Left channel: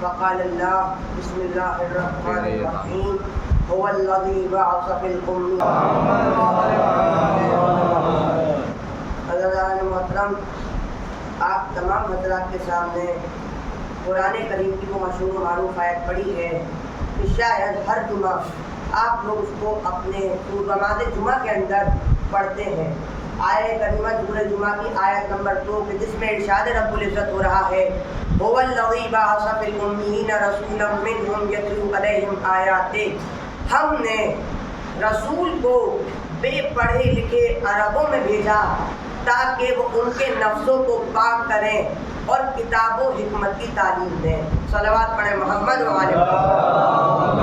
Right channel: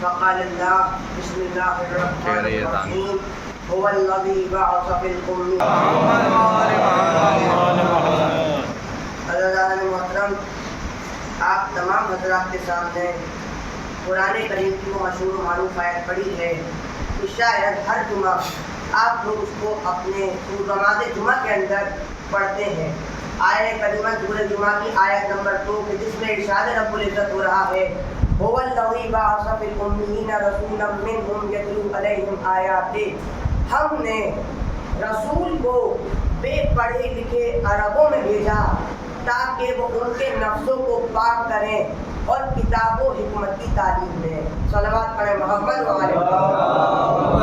فقال اللہ بسم اللہ الرحمن الرحیم هو الذی بعث فی الأمین. حضرات محترم، آپ تمام حضرات کے سامنے قرآن کریم کی وہ مشہور و معروف آیت پڑھی ہے کہ شاید ہر جمعہ آپ لوگ اس کو اپنے نماز جمعہ کے اندر پڑھتے ہیں. آیت کریمہ سورہ جمعہ کی آیت نمبر 2 جس میں ارشاد رب العزت ہو رہا ہے هو الذی بعث فی الأمیین رسولا منہم یتلو علیہم آیاتہ. ہم نے رسول کو بے پڑھے لکھے عربوں میں بھیجا تاکہ وہ ان کے نفسوں کو پاک کریں اور کتاب و حکمت کی تعلیم دیں. صلوات پڑھیں محمد و آل محمد.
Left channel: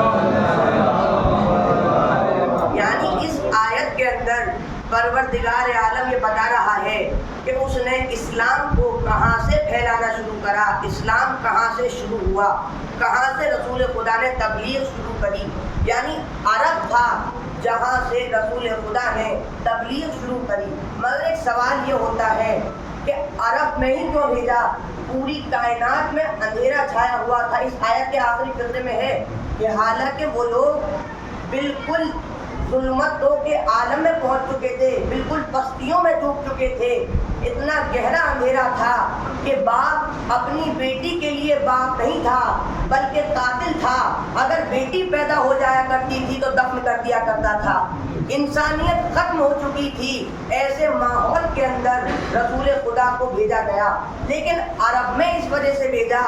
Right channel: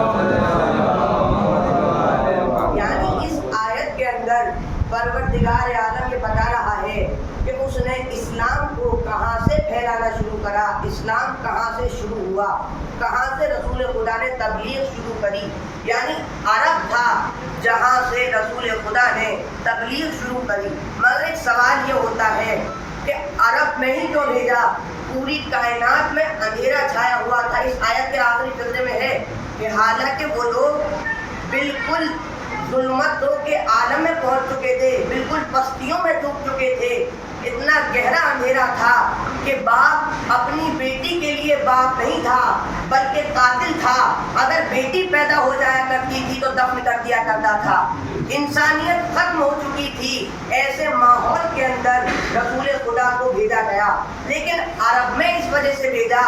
یعنی اس آیت کے اندر پروردگار عالم یہ بتا رہا ہے کہ اس نے اسلام کو کہاں سے پھیلانا شروع کرا، اسلام کہاں سے شروع ہوا، کہاں سے رسول خدا نے تبلیغ شروع کری. یعنی عرب تھا جہاں سے رسول خدا نے تبلیغ شروع کری. مگر ایک سوال یہ ہوتا ہے کہ عرب میں ہی کیوں بھیجا؟ پوری کائنات میں اندھیرا چھایا ہوا تھا. اس آیت کے آخری فقرے میں ہے کہ حالانکہ وہ لوگ بالکل ظلمت کے عالم میں پہنچ چکے تھے، بالکل پستیوں میں ڈوب چکے تھے. اتنا گہرا اندھیرا تھا کہ باپ اپنی بیٹی کے لیے باپ نہیں تھا بلکہ قاتل تھا. اگر بیٹی پیدا ہو جایا کرتی تھی تو دفن کر دیا کرتا تھا. انسانیت ختم ہو چکی تھی. ایسے ماحول کے اندر رسول خدا کو بھیجا گیا. لیکن عرب میں اس وجہ سے بھیجا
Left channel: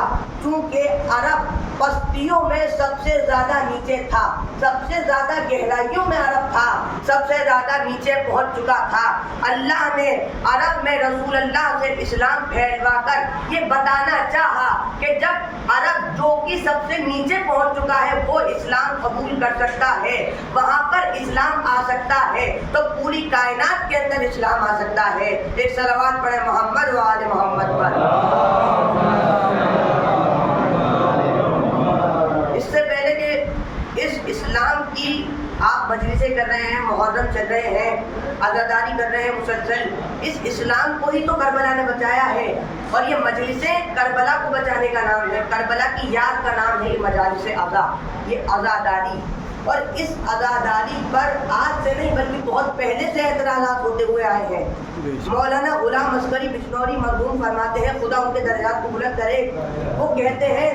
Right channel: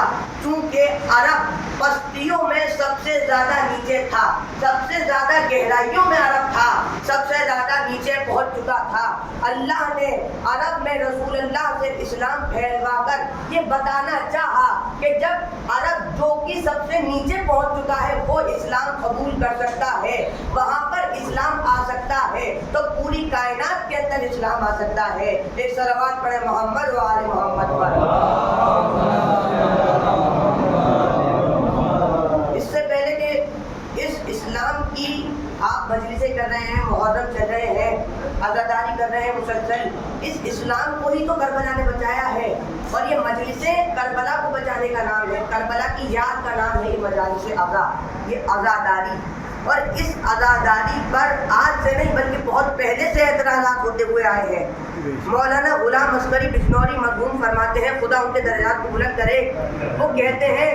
چونکہ عرب پستیوں میں سب سے زیادہ نیچے تھا، سب سے زیادہ گہرائیوں میں عرب تھا، سب سے زیادہ نیچے پہنچ چکا تھا. اللہ نے عرب میں رسول اللہ سے اسلام پھیلوا کر یہ بتانا چاہا کہ جب عرب جو کہ سب سے نیچے پہنچ چکا ہے وہ اسلام قبول کر سکتا ہے، وہاں پر اسلام آ سکتا ہے تو پوری کائنات کے اندر اسلام آ سکتا ہے. ایک صلوات پڑھے محمد و آل محمد پر. اس سے پہلے کہ اس اسلام کی آپ مجلسیں کر رہے ہیں، محرم چل رہے ہیں، عزاداری کر رہے ہیں مسلسل، اس اسلام کو ہی تو کربلا نے بچایا ہے. اور یہ مجلسیں کربلا کو بچانے کا نام ہے، کربلا کی یاد کا نام ہے یہ مجالس عزا، یہ عزاداری. اور اس عزاداری پر آج سے نہیں بلکہ بہت پہلے سے اعتراضات ہوتے ہوئے آئے ہیں. مولانا غلام عسکری بجنوری مرحوم فرماتے ہیں خدا ان کے درجات کو بلند کرے، وہ کہتے ہیں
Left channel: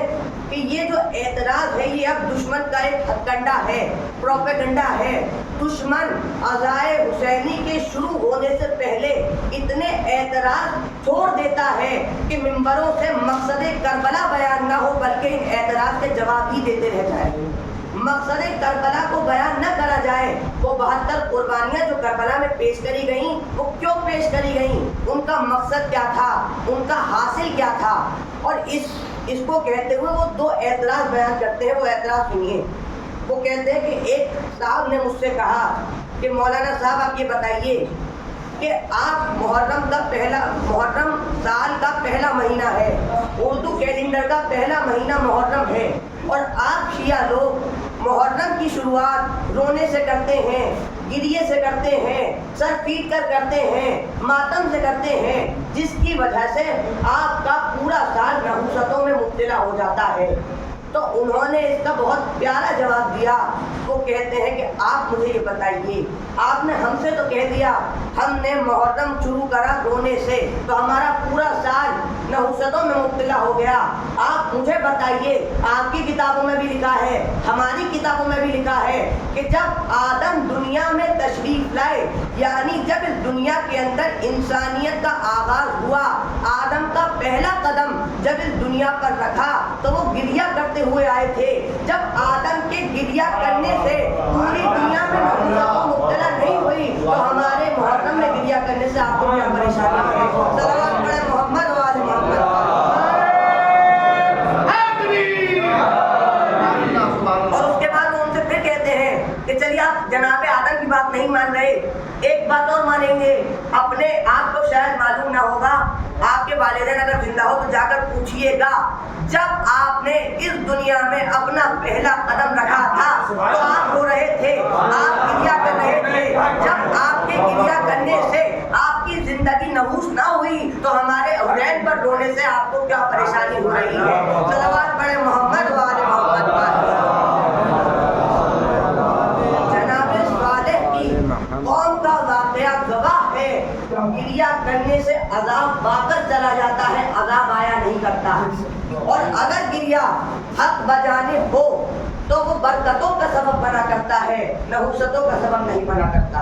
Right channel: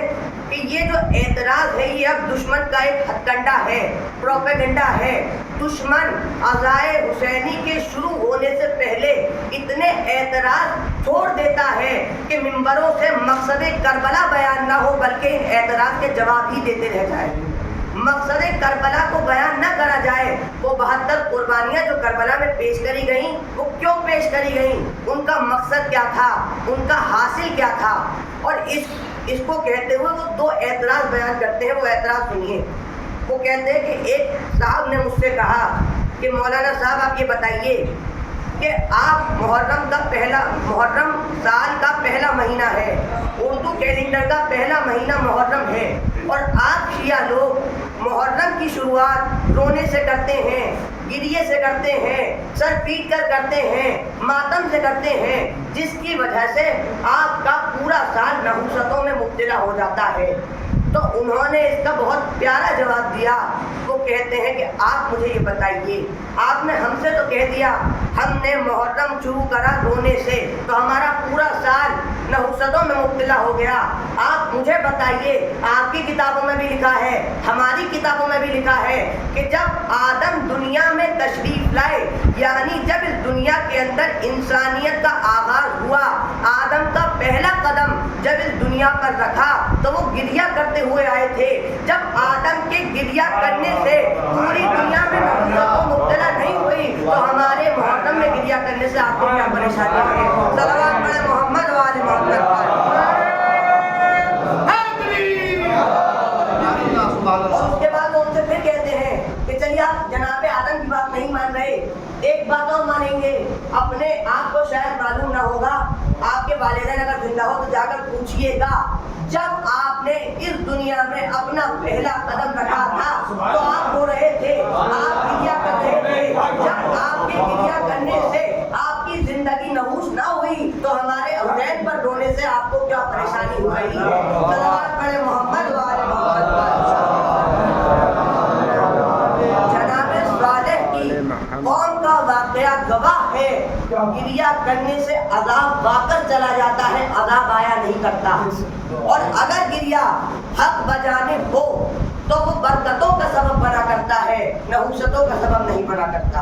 کہ یہ جو اعتراض ہے یہ اب دشمن کا ایک ہتھ کنڈا ہے، پروپیگنڈا ہے. دشمن عزائے حسینی کے شروع ہونے سے پہلے اتنے اعتراض چھوڑ دیتا ہے کہ ممبروں سے مقصد کربلا بیان نہ ہو بلکہ ان اعتراض کے جواب ہی دیتے رہ جائیں. مقصد کربلا کو بیان نہ کرا جائے. وہ 72 قربانیاں جو کربلا میں پیش کری گئیں وہ کیوں پیش کری گئیں، ان کا مقصد کیا تھا، ان کا حاصل کیا تھا. اور اس کو کہتے ہوئے وہ 2 اعتراض بیان کرتے ہیں. وہ اعتراض سنیے. وہ کہتے ہیں کہ ایک صاحب نے مجھ سے کہا کہ مولانا صاحب آپ یہ بتائیے کہ آپ محرم سال کا پہلا مہینہ ہے، اردو کیلنڈر کا پہلا مہینہ محرم ہے، اور آپ شیعہ لوگ محرم کی شروعات رونے سے کرتے ہیں، گریے سے کرتے ہیں، سر پیٹ کر کرتے ہیں، ماتم سے کرتے ہیں، جس کی وجہ سے آپ کا پورا سال نحوستوں میں مبتلا ہو جاتا ہے. تو انہوں نے اس کا بہت پیارا جواب دیا. وہ کہتے ہیں کہ آپ مجھے یہ بتائیے، آپ نے ہم سے تو کہہ دیا ہم نے محرم شروع کرا رونے سے تو ہمارا پورا سال نحوستوں میں مبتلا ہو گیا. آپ مجھے بتائیے، آپ کی کتابوں میں بھی لکھا ہے، ہماری کتابوں میں بھی لکھا ہے کہ جب آدم دنیا میں تشریف لائے، یعنی جب اس دنیا کے اندر انسانیت کا آغاز ہوا، آدم کا پہلا قدم جب اس دنیا پر رکھا تو وہ گریہ کرتے ہوئے آئے تھے. جب آدم کے گریہ کرنے سے پوری دنیا میں نحوستوں مبتلا نہیں ہوئی تو ہمارے محرم میں گریہ کرنے سے آپ کو کیا پریشانی ہے؟ صلوات پڑھے محمد و آل محمد پر. اور اس کے بعد وہ ان سے پھر کہتے ہیں کہ چلیے آپ جناب آدم کی بات نہیں مان رہے، ایک بات اور مانیں گے. اپنے آپ کو شاید معلوم نہ ہوگا، آپ کے والدین اگر زندہ ہو تو جا کر پوچھئے گا جب آپ نے اس دنیا میں اپنا پہلا قدم رکھا تھا تو آپ رو رہے تھے، آپ گریہ کر رہے تھے. جب آپ کے گریہ کرنے سے آپ کی زندگی نحوس نہ ہوئی تو ہمارے اولاد پر رونے سے آپ کو کیا پریشانی ہو رہی ہے؟ صلوات پڑھے محمد گرنے سے عذاب پا کر چلا جاتا ہے، عذاب آیا نہیں کرتا. اور اگر گریا حق بجانب ہو تو وہ برکتوں کا سبب بنا کرتا ہے، نحوستوں کا سبب نہیں بنا کرتا.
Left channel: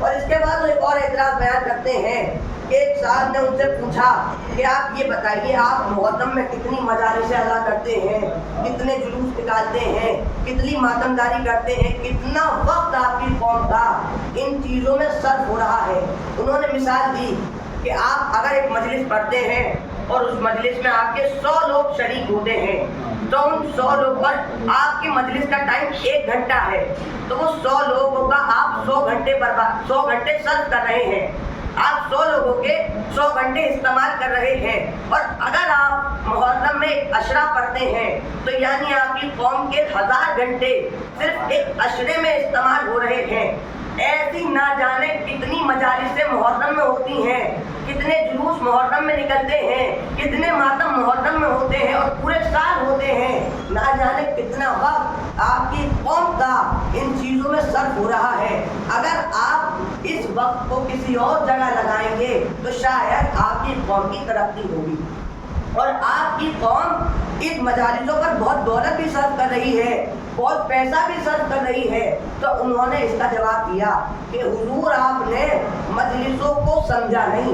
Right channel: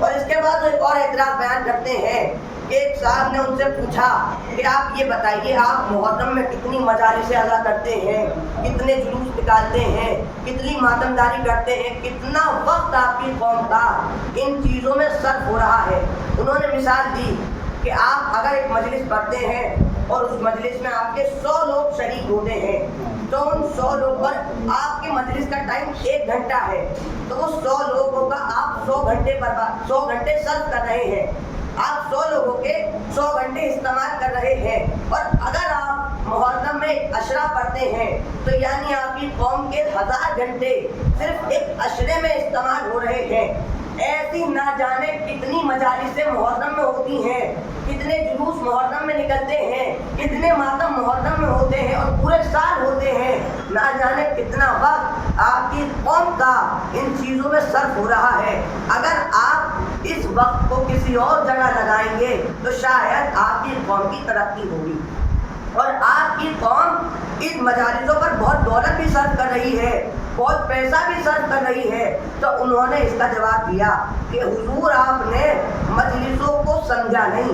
اور اس کے بعد وہ ایک اور اعتراض بیان کرتے ہیں کہ ایک صاحب نے ان سے پوچھا کہ آپ یہ بتائیے آپ محرم میں کتنی مجالس ادا کرتے ہیں، کتنے جلوس نکالتے ہیں، کتنی ماتمداری کرتے ہیں، کتنا وقت آپ کی قوم کا ان چیزوں میں صرف ہو رہا ہے. انہوں نے مثال دی کہ آپ اگر ایک مجلس پڑھتے ہیں اور اس مجلس میں آپ کے 100 لوگ شریک ہوتے ہیں تو ان 100 لوگ پر آپ کی مجلس کا ٹائم 1 گھنٹہ ہے، تو وہ 100 لوگوں کا آپ 100 گھنٹے صرف کر رہے ہیں. آپ 100 لوگوں کے 100 گھنٹے استعمال کر رہے ہیں. اور اگر آپ محرم میں ایک عشرہ پڑھتے ہیں تو یعنی آپ کی قوم کے 1000 گھنٹے صرف ایک عشرے میں استعمال ہو رہے ہیں. ایسی نہ جانے کتنی مجالس محرم میں ہوتی ہیں، کتنے جلوس محرم میں نکلتے ہیں، کتنے ماتم محرم میں ہوتے ہیں اور پورے سال ہوتے ہیں. نہ جانے کتنا وقت آپ کی قوم کا ان چیزوں میں صرف ہو رہا ہے. اگر آپ اس وقت کو کسی اور جگہ لگائیں گے تو شاید آپ کی قوم کی ترقی ہوگی. اور آپ کی قوم ان مجالسوں پر بہت دولت بھی صرف کر رہی ہے، بہت پیسہ بھی صرف کر رہی ہے. تو انہوں نے اس کا جواب دیا کہ حضور آپ نے مجلسوں کو سمجھا نہیں.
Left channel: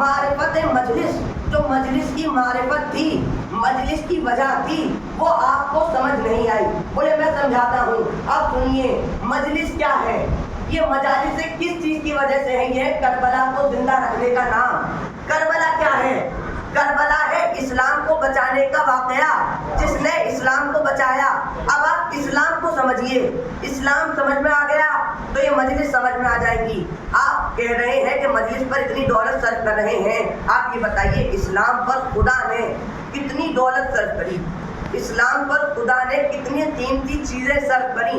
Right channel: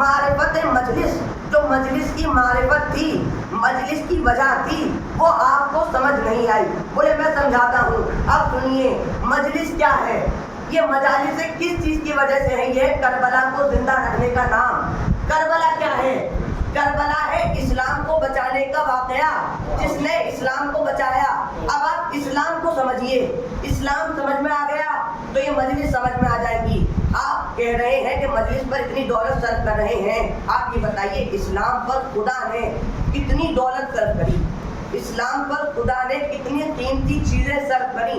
معرفت مجلس، جو مجلس کی معرفت تھی، مجلس کی وجہ تھی، وہ آپ کو سمجھ نہیں آئی. بولے میں سمجھاتا ہوں. اب سنیے مجلس کیا ہے. یہ مجالس کس چیز کی وجہ سے ہے؟ یہ کربلا کو زندہ رکھنے کا نام. کربلا کیا ہے؟ کربلا ہے اسلام کو بچانے کا واقعہ، جس نے اسلام کو بچایا. اب آپ اسلام کو سمجھیے. اسلام سمجھ میں آ گیا تو یہ مجلس سمجھ میں آ جائے گی. آپ کہہ رہے ہیں کہ مجلس پر اتنی دولت صرف کر رہے ہیں. آپ یہ بتائیے اسلام پر خدا نے کتنی دولت صرف کری؟ اسلام پر خدا نے کتنی قیمتی چیزیں صرف کریں؟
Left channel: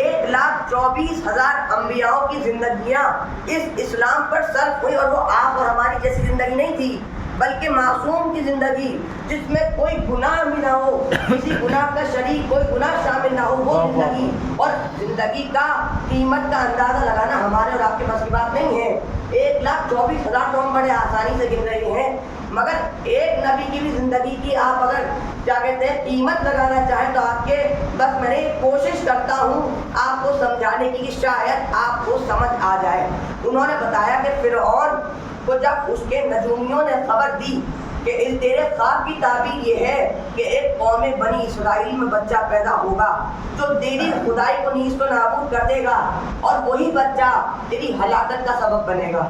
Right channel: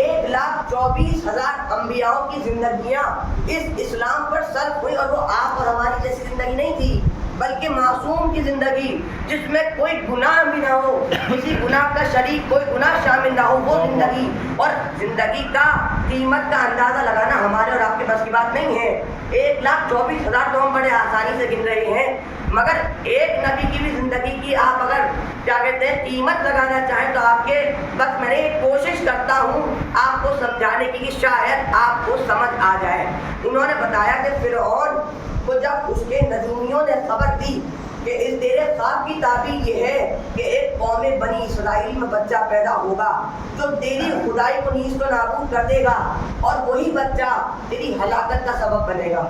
1,24,000 انبیاءوں کی زندگیاں اس اسلام پر صرف ہوئی. اور وہ آپ اور ہماری جیسی زندگی نہیں تھی، بلکہ معصوم کی زندگی جس میں کوئی گناہ بھی نہ ہو، کسی گناہ کا شریک کوئی گناہ شامل نہ ہو، وہ زندگی. اور زندگی کا قیمت کا اندازہ لگانا ہمارے اور آپ کے پاس کی بات نہیں ہے. 1,24,000 تو ہم بڑے آسانی سے گن رہے ہیں، مگر ایک نبی کی بھی زندگی کی آپ اگر کیا کہتے ہیں قیمت لگانا چاہیں تو آپ کے بس میں نے کوشش کرتا ہوں آپ کو سمجھانے کی کہ شاید آپ کو سمجھ آ جائے. انہوں نے بتایا کہ فرعون کو جب اس کے نجومیوں نے خبر دی کہ اس تیرے خواب کی تعبیر یہ ہے کہ ایک قوم بنی اسرائیل میں بچہ پیدا ہوگا جو تیری خدائی کو نیست و نابود کر دے گا اور وہی بچہ تیری ہلاکت کا سبب بنے گا.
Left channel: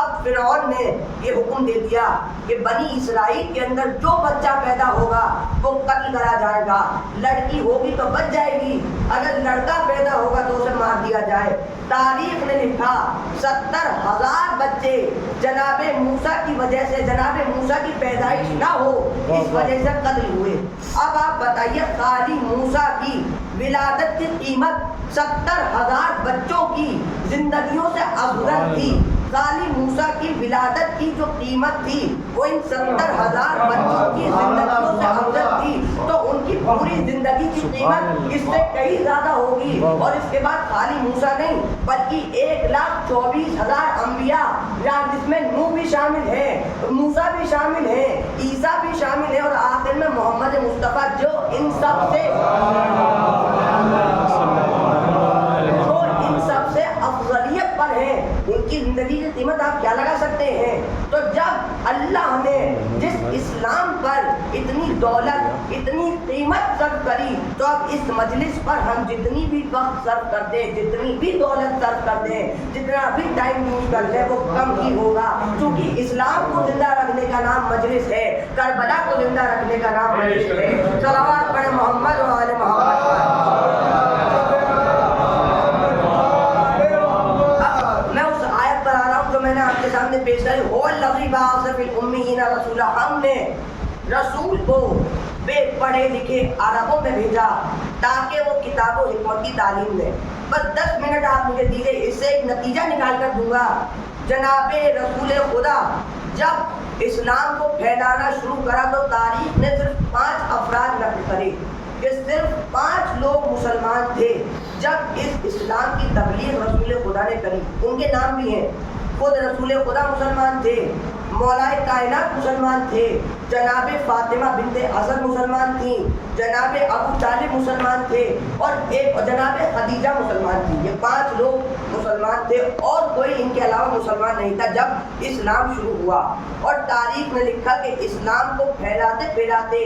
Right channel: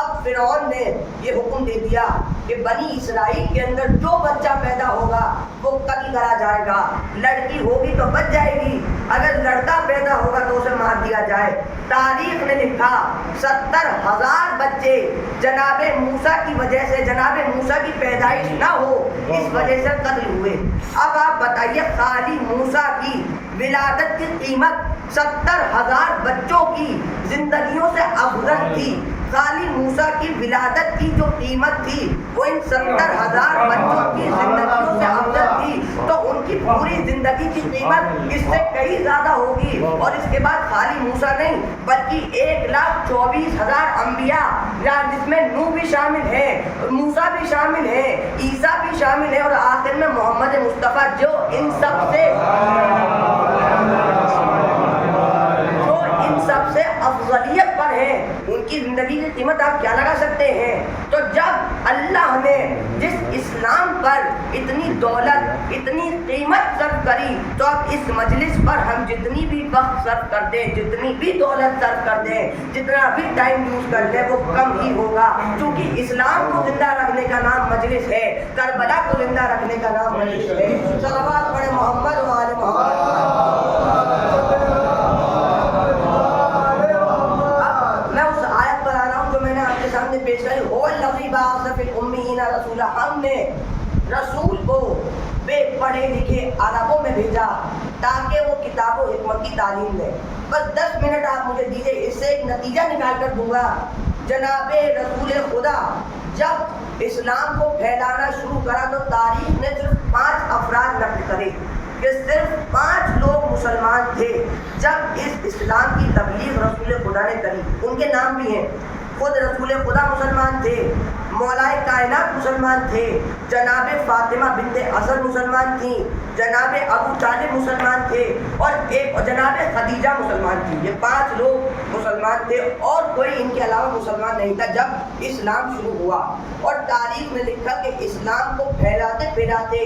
اب فرعون نے یہ حکم دے دیا کہ بنی اسرائیل کے اندر جو بچہ پیدا ہوگا وہ قتل کرا جائے گا. لڑکی ہوگی تو بچ جائے گی، اگر لڑکا پیدا ہوگا تو اسے مار دیا جائے. تاریخ نے لکھا 70,000 بچے جناب موسیٰ کی وجہ سے، جناب موسیٰ کی پیدائش نہ ہو اس وجہ سے قتل ہوئے. اب آپ بتائیے خالی موسیٰ کی ولادت کی قیمت 70,000 بچوں کی زندگیوں سے افضل تھی. خالی موسیٰ کی ولادت کی جو قیمت تھی وہ ان 70,000 بچوں کی زندگیوں سے افضل تھی. تو ان کی پوری زندگی کی قیمت اس سے کہیں زیادہ ہوگی. اور اس کے بعد خالی موسیٰ نہیں بلکہ 1,24,000 انبیاء جس میں نوح بھی شامل ہے، موسیٰ بھی شامل ہے، عیسیٰ بھی شامل ہے، اور آخر میں محمد مصطفیٰ جو ان سب سے افضلیت پر ہیں. ان کی زندگی کی قیمت آپ کیا لگا سکتے ہیں؟ تو جب اللہ نے جس اسلام پر اتنی دولت اتنی قیمت صرف کری تو اب اس مجلس پر ہم جتنی بھی وقت صرف کر دیں، جتنی بھی دولت صرف کر دیں، جتنا بھی ٹائم یوز کر لیں وہ کم ہی ہوگا. کیونکہ اسلام کو زندہ رکھنے کا نام مجلس ہے، کربلا کو زندہ رکھنے کا نام مجلس ہے. صلوات پڑھیں محمد و آل محمد پر. میں نے آپ کے سامنے پیش کری هو الذی بعث فی الامیین رسولا. ہم نے رسول کو بے پڑھے لکھے عربوں میں بھیجا تاکہ وہ کتاب و حکمت کی تعلیم دے. بس 10 منٹ آپ مجھے دیجیے، اس سے ایک نتیجہ نکال کر دوں گا. جناب رسول خدا جب اسلام کو پھیلانا شروع کرا تو تاریخ نے صرف 5 افراد نقل کرے کہ صرف 5 لوگ مسلمان تھے جب اس اسلام کی تبلیغ رسول خدا نے کری. ان کے نام بھی ہیں. خود رسول خدا مسلمان تھے، مولائے کائنات مسلمان تھے، جناب فاطمہ بنت اسد مسلمان تھیں، جناب ابو طالب مسلمان تھے، اور جناب خدیجہ مسلمان تھی۔ یہ 5 لوگ مسلمان تھے اور کوئی ان کے علاوہ مسلمان نہیں تھا جب اسلام شروع ہوا۔ اور تاریخ میں لکھا کہ اسلام کو پھیلاتے پھیلاتے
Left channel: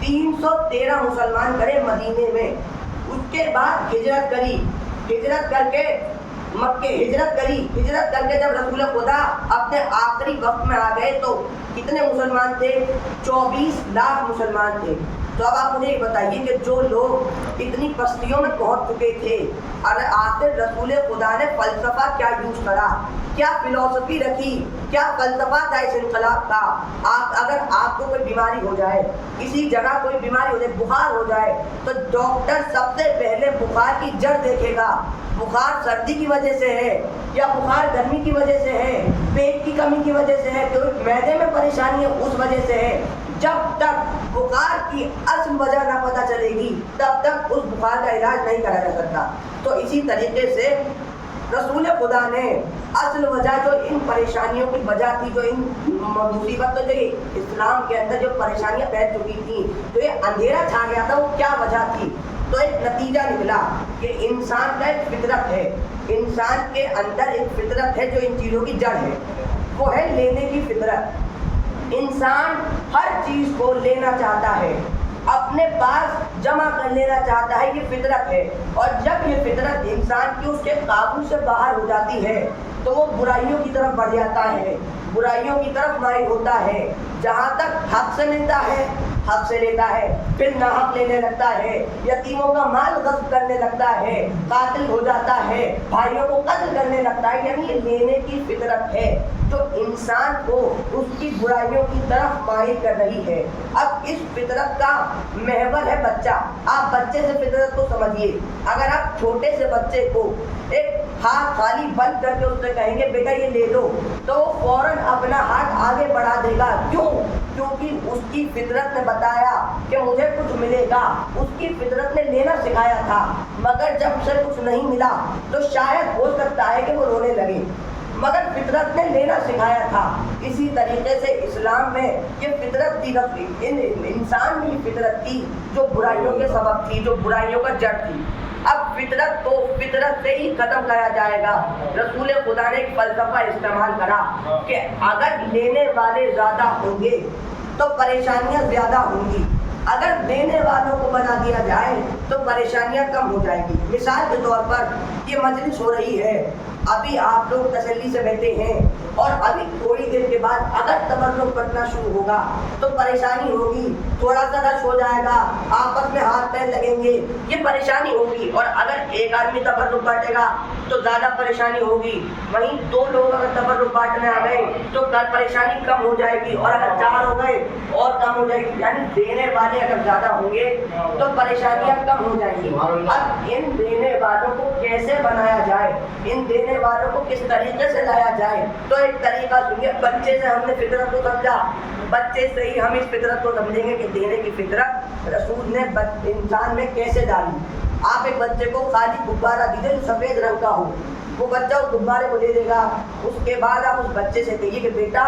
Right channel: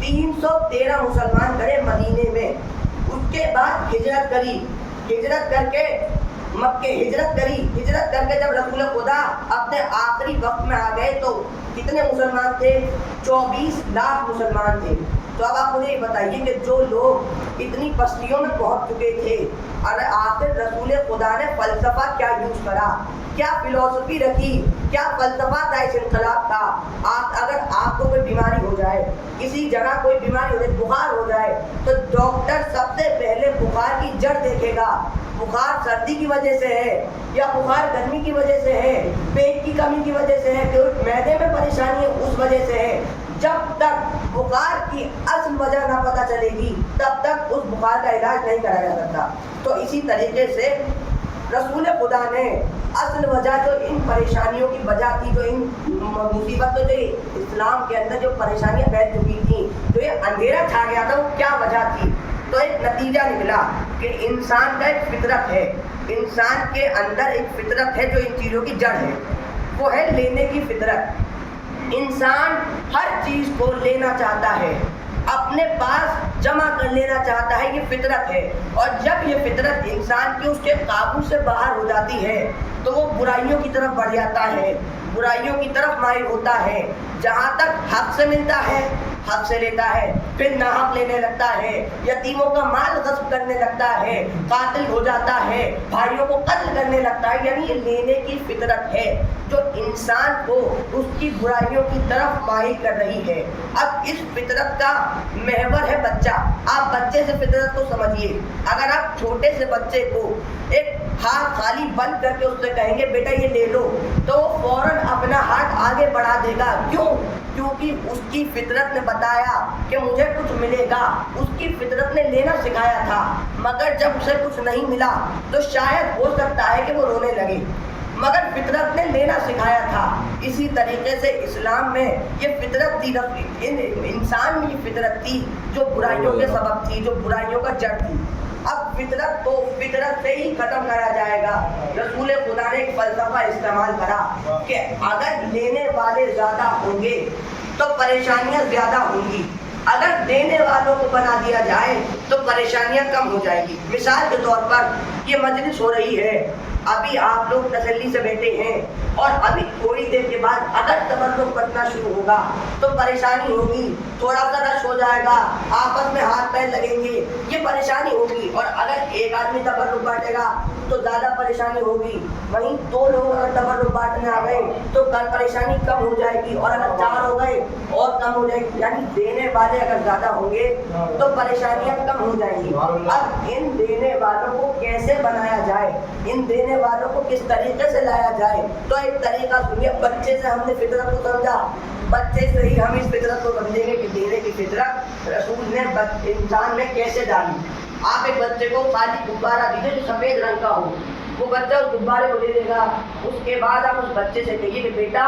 313 مسلمان گئے مدینے میں۔ اس کے بعد ہجرت کری، ہجرت کر کے مکے ہجرت کر کے جب رسول خدا اپنے آخری وقت میں آ گئے تو کتنے مسلمان تھے؟ 24 لاکھ مسلمان تھے۔ تو اب آپ مجھے یہ بتائیے کہ جو لوگ اتنی پستیوں میں پہنچ چکے تھے، اور آخر رسول خدا نے فلسفہ کیا یوز کرا، کیا فلسفی رکھی، کیا فلسفہ کا اس انقلاب تھا۔ اگر آپ کو کوئی بیماری ہو جائے، کسی جگہ کوئی بیماری ہو جائے، بخار ہو جائے، تو ڈاکٹر سب سے پہلے بخار کی جڑ دیکھے گا۔ بخار سردی کی وجہ سے ہے یا بخار گرمی کی وجہ سے ہے، پیٹ کی کمی کی وجہ سے ہے، کوئی معدے میں پریشانی ہے اس وجہ سے ہے۔ جب تک بخار کی اصل وجہ نہ پتہ چلے گی تب تک اس بخار کا علاج نہیں کرا جا سکتا۔ تو اسی طریقے سے رسول خدا نے اصل وجہ جو ان پریشانیوں کی وجہ تھی، جو ان مصیبتوں، جو اسلام کے اندر جو پریشانیاں پھیل چکی تھیں، جو یہ اندھیرا چھا گیا تھا، وہ کیا وجہ تھی؟ تو ایک نتیجہ نکلا کہ انسان کا ایک فطرت ہے، انسان کے اندر ایک فطرت ہے جو ان چیزوں کی جڑ ہے، وہ ہے لینے کی فطرت۔ انسان ہر چیز کو لینا چاہتا ہے، اپنے پاس جمع کر لینا چاہتا ہے، یہ فطرت ہے۔ اور جب یہ فطرت انسان کی اس کے قابو سے باہر ہو جاتی ہے تو وہ برائیوں کی طرف بڑھ جاتا ہے، برائیوں کی طرف مائل ہوتا ہے۔ جہاں تک حق سے ملتا ہے حق سے لیتا ہے، پھر ناحق لینے لگتا ہے، یتیموں کا مال غصب کرنے لگتا ہے، قاتل ہو جاتا ہے، بھائیوں کو قتل کرنے لگتا ہے۔ یعنی یہ لینے کی فطرت ہے جو انسان کو اس کی برائیوں کی طرف مائل کر رہی ہے۔ اب اس فطرت کا محور ہے بچہ۔ آپ بچے سے فطرت کو سمجھیے۔ اگر آپ چھوٹے سے بچے کو ایک ہاتھ خالی بند کر کے اس سے کہیں گے بیٹا یہ لے لو، تو وہ فوراً اپنا ہاتھ آگے بڑھا دے گا۔ کیوں؟ کیونکہ اس کی فطرت نے بتایا کہ مجھے کچھ ملے گا، اس کی فطرت نے لینا سکھایا تھا۔ مگر جب اسے کچھ نہیں ملا تو شاید ہو سکتا ہے کہ وہ رونے لگے، مگر فطرت نے لینا سکھایا تھا۔ اسی طریقے سے اسلام میں یہ فطرت تھی، انسان میں یہ فطرت تھی جو برائیوں کے سبب تھی، جو برائیوں کا جڑ تھی۔ اب فطرت کو فطرت سے ہی ختم کرایا جائے گا۔ رسول خدا نے ایک فلسفہ استعمال کرا کہ اگر لینے والے زیادہ ہوں گے تو پریشانیاں زیادہ ہوں گی، اگر دینے والوں کو بنا دیا جائے تو پریشانیاں کم ہو جائیں گی۔ مثال کے طور پر یہ مجلس ہو رہی ہے، ابھی آپ لوگ تسلی سے بیٹھے ہیں، اور ابھی تھوڑی دیر کے بعد اگر تبرک کرنا شروع ہوگا تو پریشانی ہوگی، تھوڑا سا رش ہو جائے گا، آپس میں ہاتھ پیر لگیں گے، یہ پریشانی ہوگی۔ اور اگر ایک آدمی تبرک بانٹے گا تو زیادہ پریشانی ہوگی، وہیں 2 لوگ اگر تبرک بانٹنے آ گئے تو پریشانی کم ہو جائے گی، اور اگر 4 ہو گئے اور کم ہو جائے گی۔ یعنی دینے والے اگر زیادہ ہوں گے تو پریشانیاں کم ہو جائیں گی۔ اب ان دینے والوں کو کیسے بنایا جائے، ان دینے والوں کو کس طریقے سے لایا جائے؟ تو ایک طریقہ سنیے، بچے سے ہم نے فطرت کو سمجھا، بچے سے ہی ہم اس فطرت کو سمجھیں گے کہ دینے کی فطرت رسول نے انسان میں کیسے ڈالی۔ آپ ایک بچے کو خالی غبارہ دیجیے جو سفید رنگ کا ہو، وہ بچہ اس غبارے کو لے لے گا۔ اس کے بعد آپ اس بچے سے کہیے کہ بیٹا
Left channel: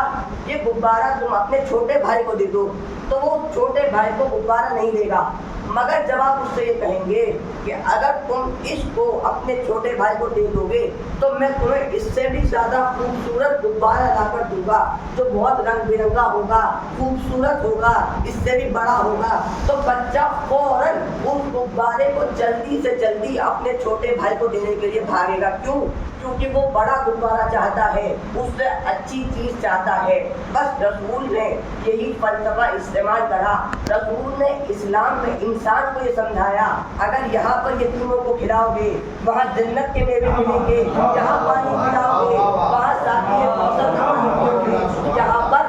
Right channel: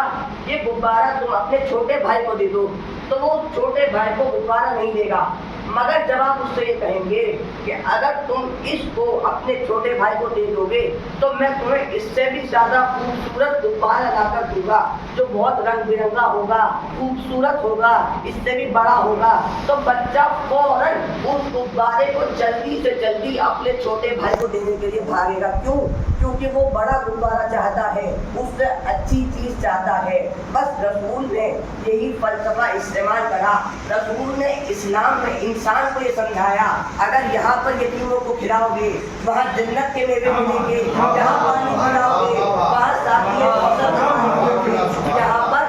یہ غبارہ تم اپنے چھوٹے بھائی کو دے دو، تو وہ چھوٹے بھائی کو غبارہ نہیں دے گا۔ مگر جب آپ اس سے یہ کہیں گے کہ اگر تم اس کو اپنے چھوٹے بھائی کو دے دو گے تو میں تمہیں اس سے بھی زیادہ خوبصورت غبارہ لا کر دوں گا جو بہت رنگ برنگا ہوگا، خوبصورت ہوگا، اس سے بھی بڑا ہوگا، تو بچہ فوراً اس غبارے کو جلدی سے جلدی اپنے چھوٹے بھائی کو دینے کے لیے بھاگے گا۔ کیوں؟ کیونکہ وہ بڑا غبارہ چاہتا ہے، اس سے اچھی چیز چاہتا ہے۔ بس رسول نے یہی فلسفہ استعمال کرا۔ رسول نے اسلام میں انسان کو یہ سمجھایا اگر یہاں پر یتیموں کو کھلاؤ گے وہاں جنت کے میوے ملیں گے، یہاں پانی پلاؤ گے وہاں ساتھی یہاں پر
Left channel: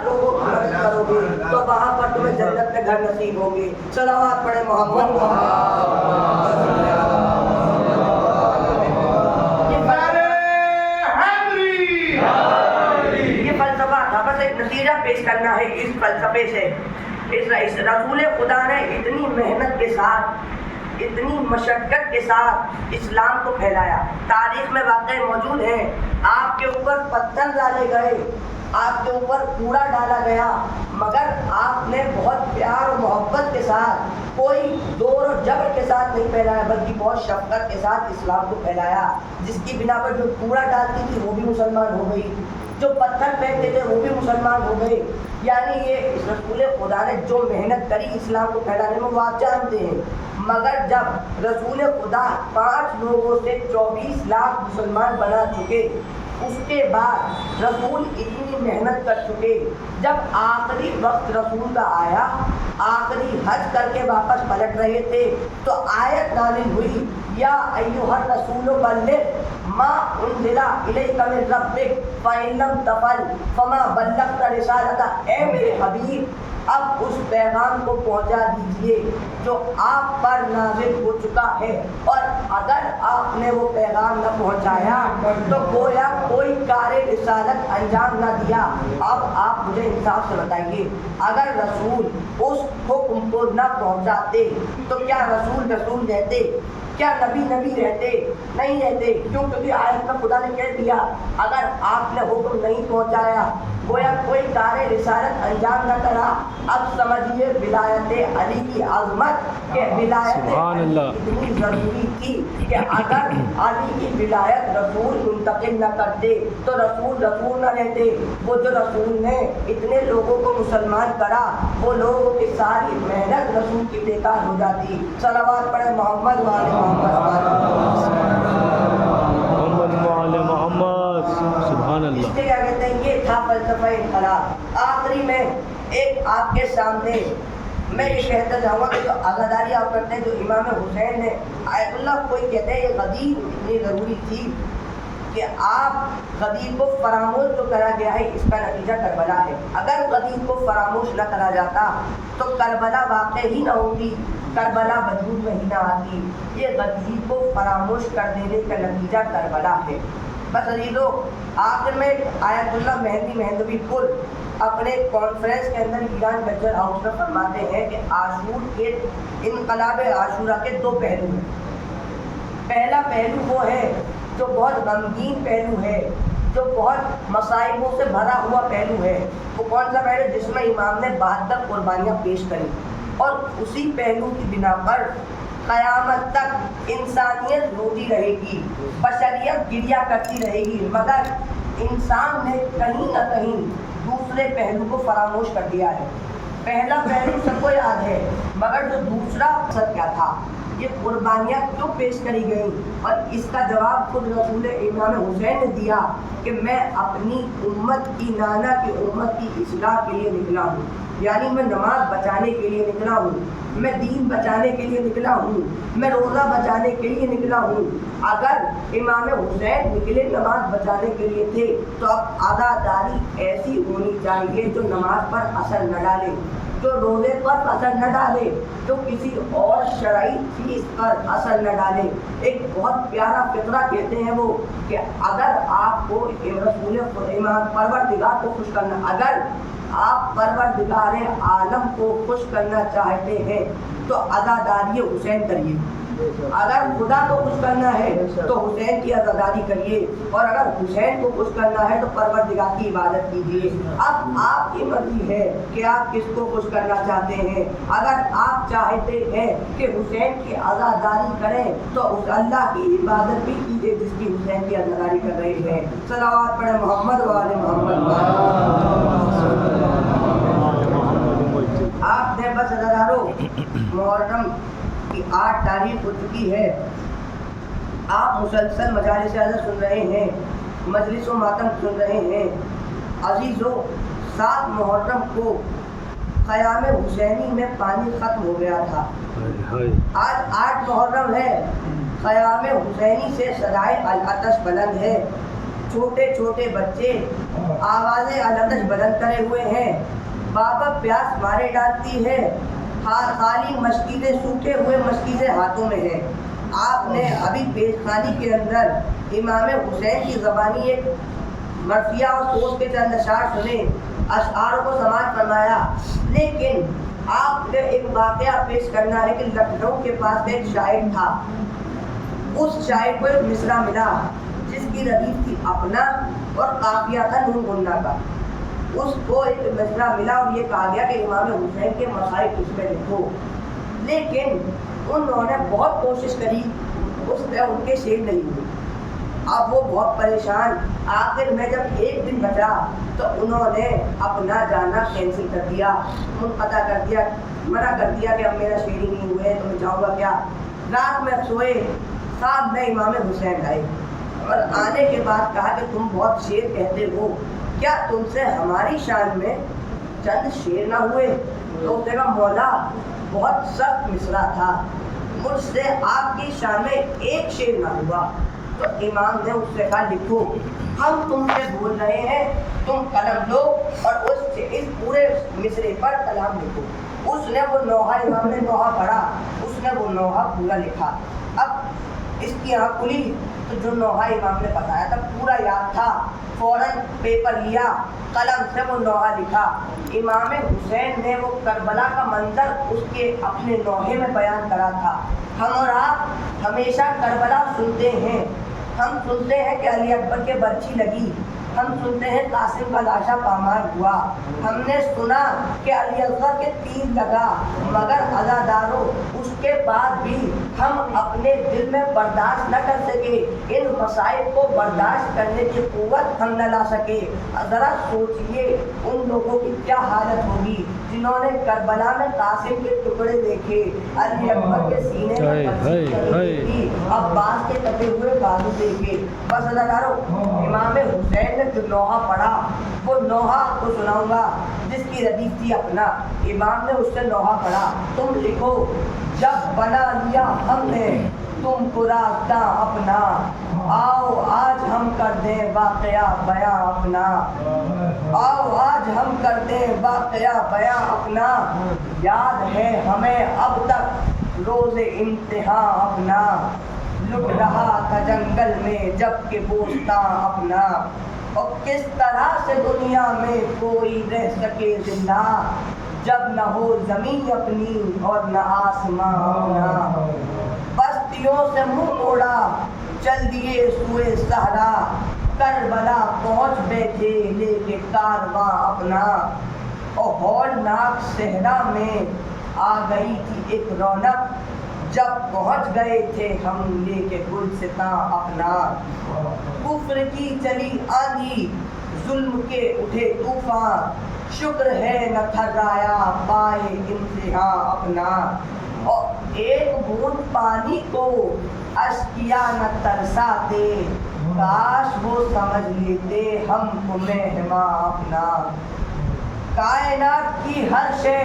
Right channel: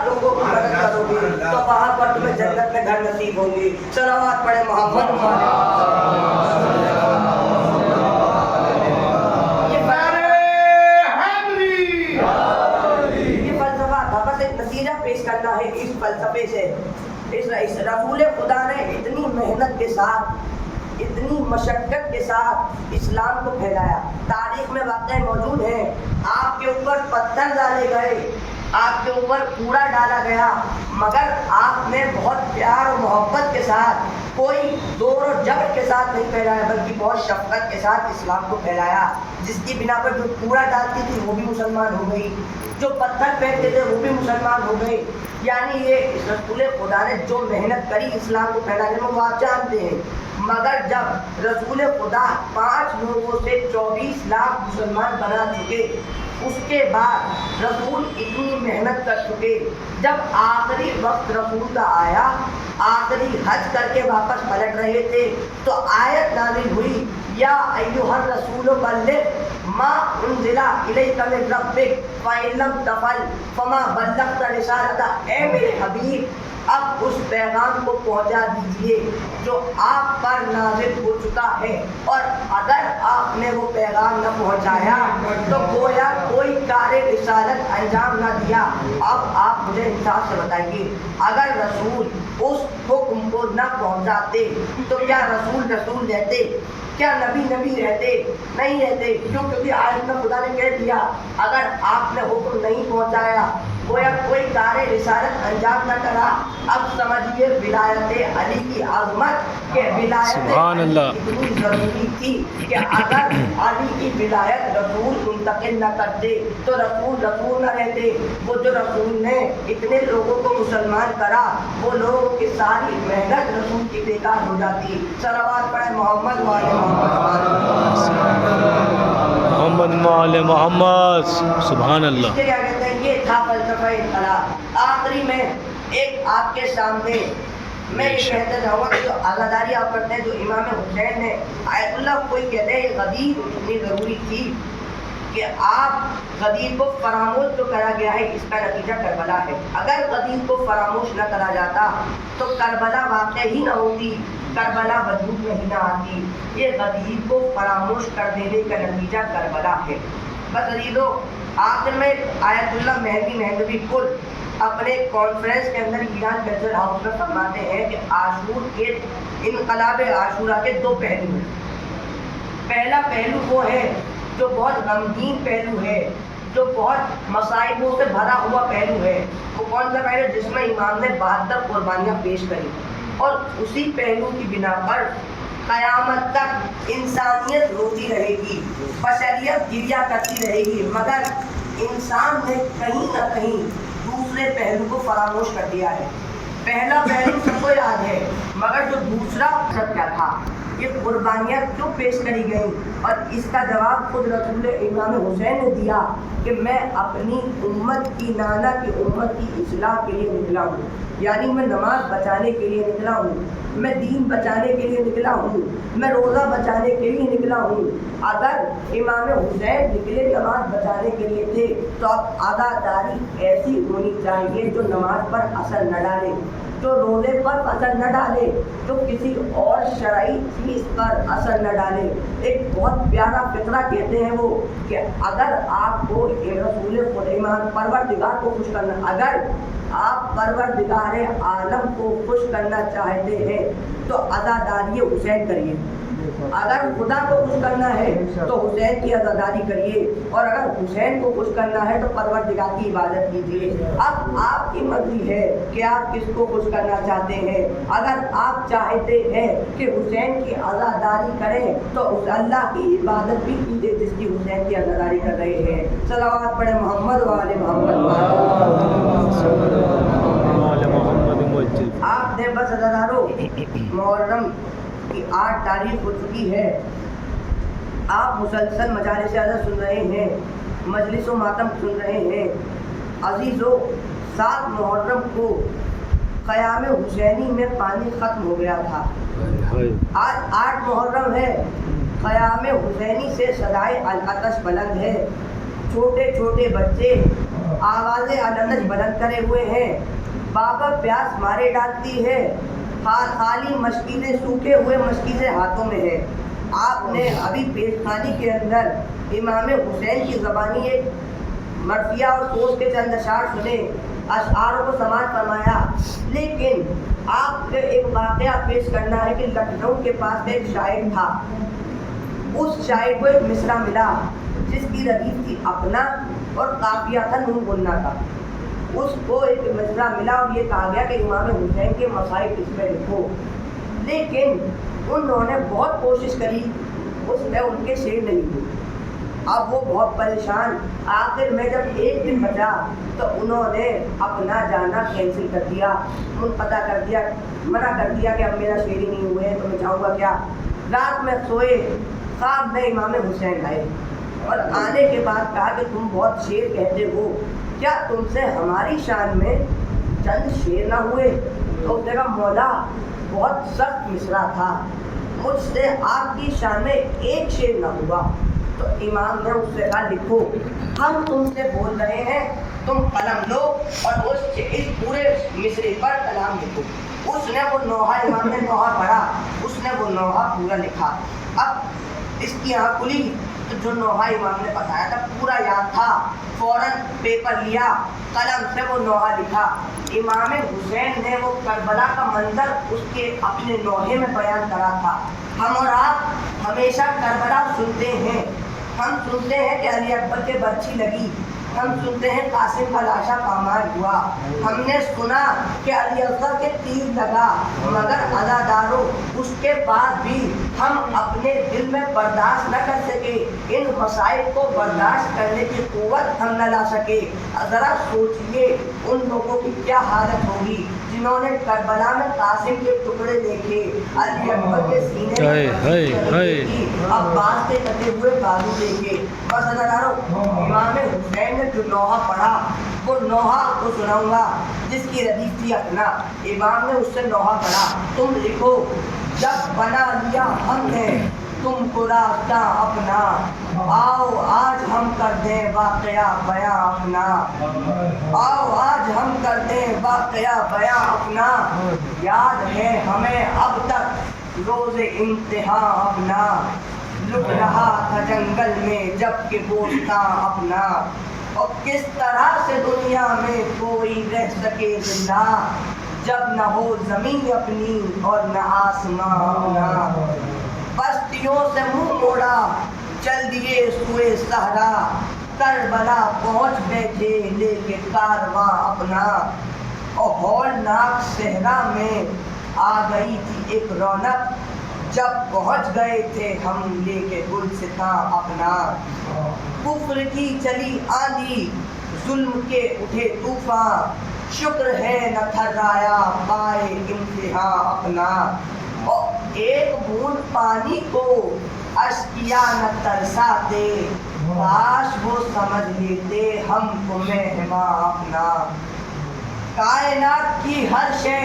لوگوں کی مدد کرو گے تو وہاں پر تمہیں جنت میں گھر نصیب ہوں گے۔ صلوات پڑھے محمد بس ایک نتیجہ پیش کرنا ہے اس فلسفے سے۔ اس رسول خدا نے اتنی محنت کے ساتھ، اتنی مشقت کے ساتھ اسلام کو پھیلایا۔ تاریخ میں واقع موجود ہے، آپ کے اوپر پتھر ڈالے گئے، آپ کے اوپر کوڑا ڈالا گیا، مگر آپ نے بہت پیار اور محبت کے ساتھ، کوئی زور اور جبر کے ساتھ نہیں پھیلایا، بلکہ بہت شفقت کے ساتھ اسلام کو پھیلایا، جس کی بنا پر جو کوڑا ڈالتی تھی وہ بھی مسلمان ہو گئی، جو پتھر پھینکتے تھے وہ بھی مسلمان ہو گئے۔ یعنی یہ رسول خدا نے جو محنت کری اسلام کو پھیلانے میں وہ آپ جانتے ہیں، مگر جب رسول خدا 5 لوگوں سے 24 لاکھ مسلمان بنا چکے، اس کے بعد رسول اتنی محنت کر چکے، جب آخری وقت رسول کا آیا، آخری حج کر کے واپس پلٹ رہے تھے، تو آیت نازل ہوئی، یا ایھا الرسول بلغ ما انزل الیک من ربک فإن لم تفعل فما بلغت رسالتہ، اے میرے حبیب اب اس پیغام کو پہنچا دیجئے جو آپ پر نازل ہو چکا ہے، اور اگر آپ نے وہ پیغام نہ پہنچایا تو گویا کوئی کار رسالت انجام نہ دیا۔ اب آپ مجھے انصاف سے بتائیے، اگر رسول اس حکم کو نہ پہنچاتے تو کیا رسول رسول رہتے؟ کیا نبی نبی رہتے؟ نہیں رہتے۔ کیوں؟ کیونکہ آیت میں خدا نے کہہ دیا اگر آپ نے حکم نہیں پہنچایا، گویا کوئی کار رسالت انجام نہ کرا۔ اب سمجھیے ولایت علی کی عظمت، کہ ولایت علی اتنی ضروری تھی کہ اگر علی کی ولایت رسول منتقل نہ کرتے تو رسول رسول نہ رہتے۔ وہ جو رسول نے اتنے لوگوں کو مسلمان کرا، وہ لوگوں کی ساری محنت رسول کی بیکار ہو جاتی۔ صلوات پڑھیں محمد والے محمد وعلى محمد۔ سبحان اللہ۔ اس کے کیا کہتے ہیں، یہ تھا فلسفہ انقلاب۔ آخری میں ایک آپ کے سامنے میں یہ کہتا جاؤں گا کہ جو عزاداری آپ کرتے ہیں، جو امام حسین نے آیت اللہ کوئی کہتے ہیں یہ غدیر اتنی ضروری تھی کہ آپ غدیر کو فراموش جو کرا گیا ہے اس کا نتیجہ کربلا ہے۔ اگر غدیر کو فراموش نہ کرا جاتا تو کربلا واقع ہی نہ ہوتی، کربلا وجود میں ہی نہ آتی۔ یہ غدیر کو فراموش کر دینے کا نتیجہ کربلا ہے۔ بس عزیزو، آخر میں آیت اللہ مہدی مہدوی پور اپنے کانفرنس کے اندر ایران لیکچر ہاؤس میں فرماتے ہیں کہ عاشور کے انقلاب عاشورہ کے 2 پہلو ہیں۔ پہلا پہلو وہ ہے جو بہت غمگین پہلو ہے، جو بہت مصائبوں سے بھرا ہوا پہلو ہے۔ وہ کون سا پہلو؟ جس میں امام نے 72 قربانیاں پیش کری، اور اسی پہلو کی بنا پر قیامت تک انسانیت روتی رہے گی، بشریت گریہ کرتی رہے گی، مگر انسان نے کہیں نہ کہیں دوسرے پہلو کو فراموش کر دیا ہے۔ پہلا پہلو سب کو یاد ہے، مگر جو دوسرا مقصد کیا تھا، یہ قربانیاں کیوں پیش کری گئیں، اور اس کا جواب خود رسول امام حسین نے دیا کہ میں اپنی امت کی، نانا کی امت کی اصلاح کے لیے نکلا ہوں، یعنی میں نماز بچانے کے لیے نکلا ہوں، میں دین بچانے کے لیے نکلا ہوں، میں روزہ بچانے کے لیے نکلا ہوں۔ اگر امام حسین نکلے نماز بچانے کے لیے تھے تو اب عزاداری ایسی ہونی چاہیے جو نماز پر اثر نہ ڈالے، جو روزے پر اثر نہ ڈالے، جو کسی اور شرعی چیز پر اثر نہ ڈالے۔ ایک بہت پیارا فقرہ کہتے ہیں وہ کہ اگر آپ کو رسول خدا پروردگار کو خوش کرنا، اگر آپ پروردگار عالم کو خوش کرنا چاہتے ہیں تو عزاداری حسین کریے۔ اگر خدا کو خوش کرنا ہے تو حسین کی عزاداری کریے، اور اگر حسین کو خوش کرنا ہے تو پروردگار کی عبادت کیجیے۔ اب آپ کی مرضی ہے کہ آپ کس کو خوش کرنا چاہتے ہیں۔ اگر آپ چاہتے ہیں کہ حسین کی عزاداری کریں تو اس اللہ کی عبادت بھی کیجیے جس کی حسین کی عزاداری کر رہے ہیں۔ صلوات پڑھیں محمد وعلى محمد۔ آپ نے بس عزادارو، محرم کی 8 تاریخ ہو چکی ہے، آپ مسلسل مجالس عزت سن رہے ہیں، مجلس و ماتم سن رہے ہیں۔ عزیزو، 7 محرم کو قیام حسینی میں پانی ختم ہو گیا تھا، آج 8 محرم ہے، قیام حسینی سے صدائے العطش بلند ہے، چھوٹے چھوٹے بچے آوازیں العطش بلند کرے ہوئے ہیں، بابا پیاس مارے ڈالتی ہے، خالی مشکیزیں، سوکھے ہوئے مشکیزیں ہاتھوں میں ہیں۔ آپ نے ابھی پیشخانی کے اندر امام حسین کی زبانی ایک مرثیہ اور سوچ کے چند اشعار سنے، اشعاروں کو سماعت فرمایا، لیکن آپ نے ایک واقعہ پیش کرنا ہے کہ لکھنؤ کے پاس ایک شاعر تھا، اس شاعر کو ایک مصرع ملا جس کی ردیف تھی اپنا اور قافیہ تھا نون گنا کا۔ اس کو ایک مشورہ ملا اور یہ کہا گیا کہ امام حسین کے مصائب اس میں لکھو، لیکن انہوں نے بہت کوشش کری، اس میں ان کے شعر نہیں ہوئے۔ اب وہ بہت پریشان، آخر میں جب ایک دن بچا تو انہوں نے اپنا جانا کینسل کر دیا، منقطع کر دیا، منع کر دیا کہ اب میرا شعر ہی نہیں ہوئے تو میں جاؤں گا کیا۔ رات میں سوئے، خواب میں امام حسین آئے اور آنے کے بعد کہا کہ تم بہت شعر کہتے ہو، کیا تم سے ہماری شان میں چند شعر نہ ہوئے؟ تو اس نے کہا مولا بہت سخت مصرع تھا، مجھ سے آپ کی شان میں ایک شعر نہ ہوا۔ تو امام نے اس سے کہا لکھو، ہم تم سے بول رہے ہیں، تم قلم لو اور اس پورے مصرے پر کلام لکھو۔ اس نے وہ نوحہ، امام نے نوحہ پڑھا، اس نے وہ نوحہ پورا لکھا۔ اب اس کی آنکھ کھلی تو جو نوحہ امام نے بتایا تھا پورا یاد تھا، فوراً پیپر لیا، قلم سے وہ نوحہ لکھا۔ امام حسین نے وہ کربلا کا منظر اس کے اپنے نوحے میں بیان کرا تھا۔ ہم اور آپ ہمیشہ کربلا سنتے ہیں، ہم سنتے ہیں کہ علی اکبر کے برچھی لگی، ہم سنتے ہیں قاسم کا لاشا پامال ہوا، ہم نے سنا کہ علی اکبر کے تیر لگا، مگر عزاداروں اس کے بعد بھی ہم اپنے دل میں برداشت نہ کر سکے، ان مسائل کو برداشت کرنے کی قوت ہم نہ لا سکے۔ ذرا سوچئے ان لوگوں کی کیا حالت ہوگی جنہوں نے کربلا میں قاسم کے ٹکڑے دیکھے، علی اکبر کے سینے میں عباس کے کٹے ہوئے بازو دیکھے۔ بس عزاداروں، امام حسین نے جو نوحہ پڑھا وہ نوحہ آپ کو سناؤں گا جس کی ردیف تھی اپنا۔ امام نے اس سے نوحہ پڑھا، تم لکھو جب بنا لیا ہم نے تم کو راستہ اپنا، آؤ آج ہم کر دیں واقعہ بیاں اپنا، آؤ آج ہم کر دیں واقعہ بیاں اپنا، یاد ہے ہمیں اب تک روز انتہا اپنا، لٹ رہا تھا جنگل میں جب کہ بوستاں اپنا، اور کس طرح سے دنیا میں کوئی رہ سکے زندہ جب نہ ہو زمین اپنی اور نہ آسماں اپنا، بستیوں سے منہ موڑا چل دیے سوئے صحرا، کربلا پہنچ بیٹھے لے کے کارواں اپنا، اور ہولناک صحرا میں آ گئی تھی ایک رونق جب پہنچ گئے تھے ہم لے کے گلستاں اپنا، کفر کی چلی آندھی ظلم کے اٹھے طوفان، شکر ہے نہ تھرایا پائے امتحاں اپنا، اور ایک بوند پانی کو اشکیا نہ ترساتے، کاش وہ سمجھ لیتے ہم کو مہماں اپنا، کائنات کی ہر شے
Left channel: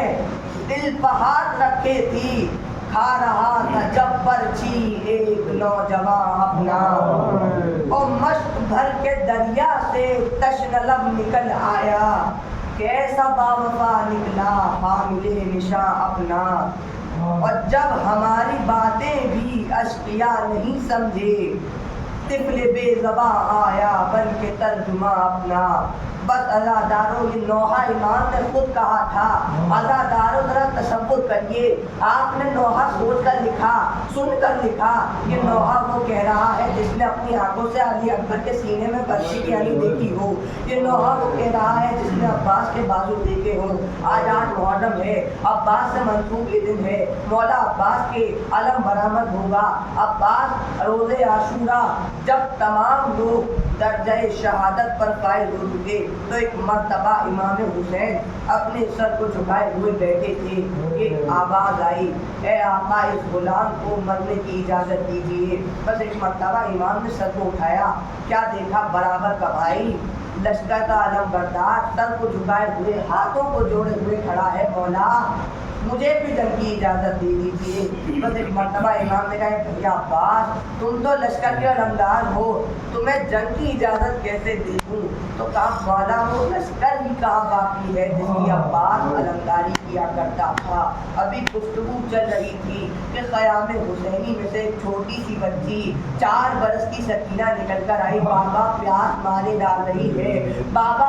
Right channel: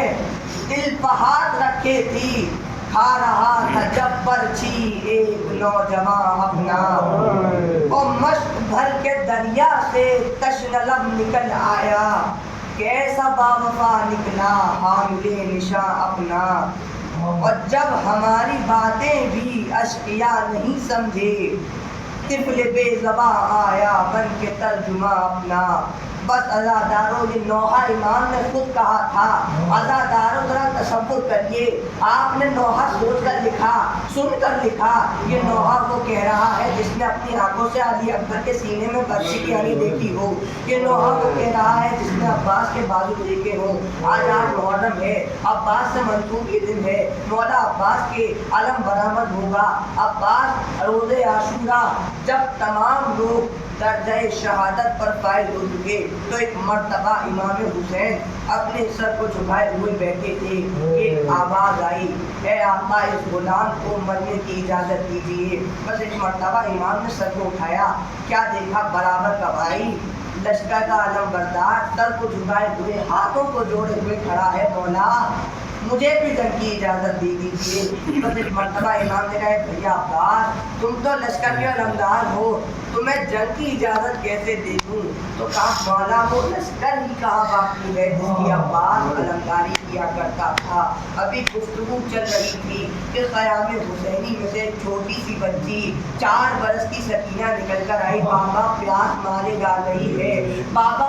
دل پہ ہاتھ رکھے تھی، کھا رہا تھا جب پرچھی ایک نوجوان اپنا، اور مشق بھر کے دریا سے تشنہ لب نکل آیا، کیسا باوفا نکلا حامل نشاں اپنا، اور جب ہماری باتیں بھی اشقیا نہیں سمجھے، طفل بے زباں آیا بن کے ترجمہ اپنا۔ بس عزاداروں، یہ نوحہ امام نے خود کہا تھا۔ عزاداروں ذرا تصور کریے، آپ نے نوحہ سوچ کر لکھا، سن کر لکھا، یہ نوحہ وہ کہہ رہا ہے جس نے اپنی آنکھوں سے علی اکبر کے سینے میں برچھی کی علی دیکھی ہو، یہ نوحہ وہ کہہ رہا ہے جس نے عباس کے بازو دیکھے ہوں۔ آج محرم ہے، عباس سے منسوب یہ دن ہے، مولا عباس کے علم برآمد ہوگا، عباس روز عاشورہ جب تمام لوگ درجہ شہادت پر فائز ہو چکے تو ایک مرتبہ امام حسین اپنے سر کو جھکائے ہوئے بیٹھے تھے کہ آواز آئی، اے آقا اس غلام کو مرنے کی اجازت دیجیے۔ بس ایک مرتبہ امام نے سر کو اٹھایا، کیا دیکھا برابر کا بھائی لشکر کا علم بردار سر کو جھکائے ہوئے ہاتھوں کو جوڑے ہوئے کھڑا ہے، مولا مجھے بھی جنگ کی اجازت دے دیجیے۔ بس ایک مرتبہ امام نے کہا بھیا عباس تم تو لشکر کے علمدار ہو، تمہیں جنگ کی اجازت کیسے دے دوں؟ تو کہا مولا وہ لشکر ہی کہاں باقی ہے جس کی عباس علمداری کیا کرتا تھا۔ ابھی گفتگو چل رہی تھی کہ خیام حسینی میں سے ایک چھوٹی سی بچی 4 برس کی سکینہ نکل کر آئی، بابا پیاس مارے ڈال رہی ہے، بابا